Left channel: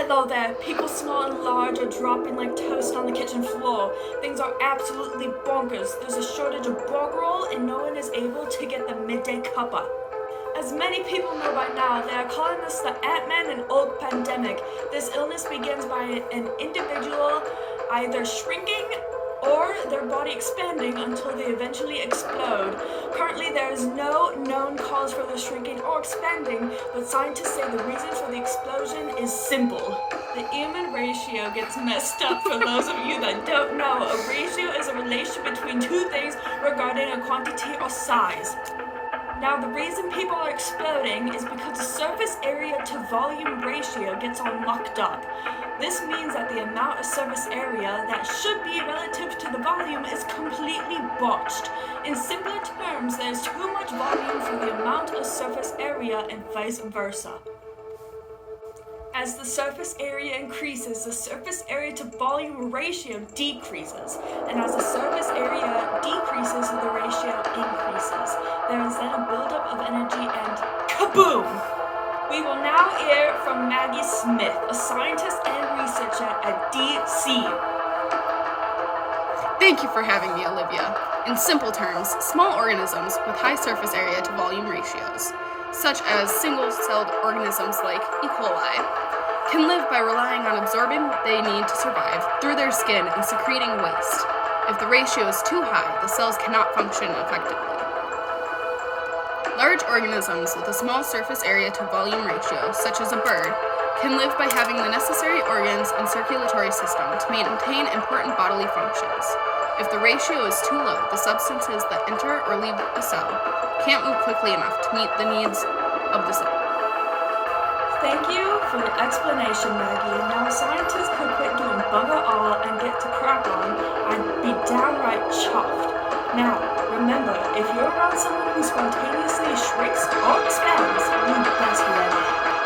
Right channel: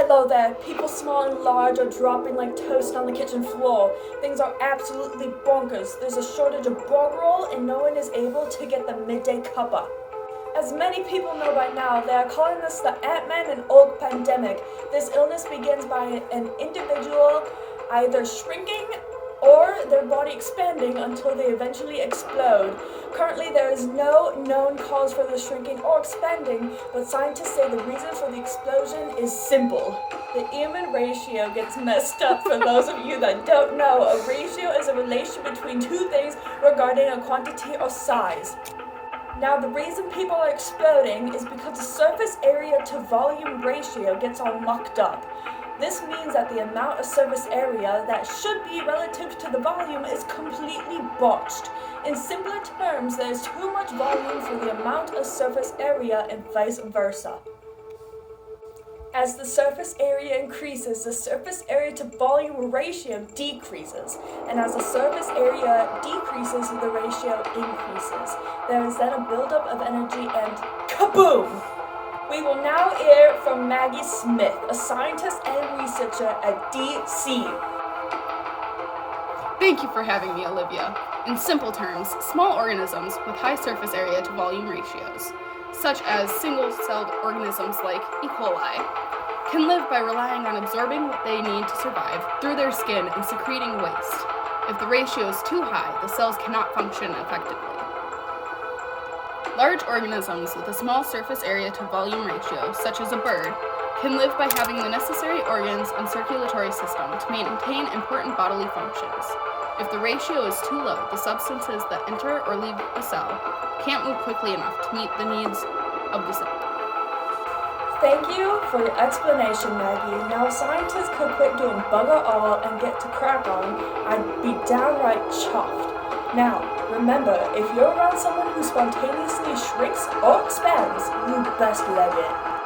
Hello there, people small and large are dropping like toast on the kitchen floor. Things are absolutely bonkers. There's a shortage of bog roll and no one is able to get the midday cuppa. As many people know by now, they are calling this the Ant-Man and Oak pandemic. This illness begins by an individual either shrinking or their body expanding until they eventually explode. Currently, there is no known cause for the shrinking or expanding, but scientists say the reason for the explosion is simple. The Ehrman ratio gets messed up for those of you that don't know. A ratio is a relation between two things regarding a quantity or size. Now, the reason people are exploding is because the surface area to volume ratio gets all mucked up. This means that the amount of surface area that should be relative to the volume is completely botched. In simpler terms, there's too much volume for the amount of surface area and vice versa. As the surface area increases, the surface area to volume ratio decreases, and as the surface area decreases, the ratio increases. There is then a buildup of energy and kaboom! We will now hear from Maggie Smith, a scientist and researcher at DC. Thank you for having me, Olivia. In simple terms, small organisms with high surface area to volume ratios, such as single-celled organisms like E. coli, can live by relying on absorbing what they need to survive through their skin and secreting waste. If the ratio is too high, the cells cannot function effectively. Large organisms with a small surface area to volume ratio, such as a bird, can live by having the necessary organs and circulatory system to maintain important bodily functions. If the ratio is too low, the substances that enter or leave the cell can't move quickly enough to meet the needs of the cell. Thank you for your explanation, Maggie. Now, if scientists could quit doing bugger all and get to crack on, I'd be downright chuffed. Now, remember, if you're around someone who spontaneously shrinks or expands, you best let it.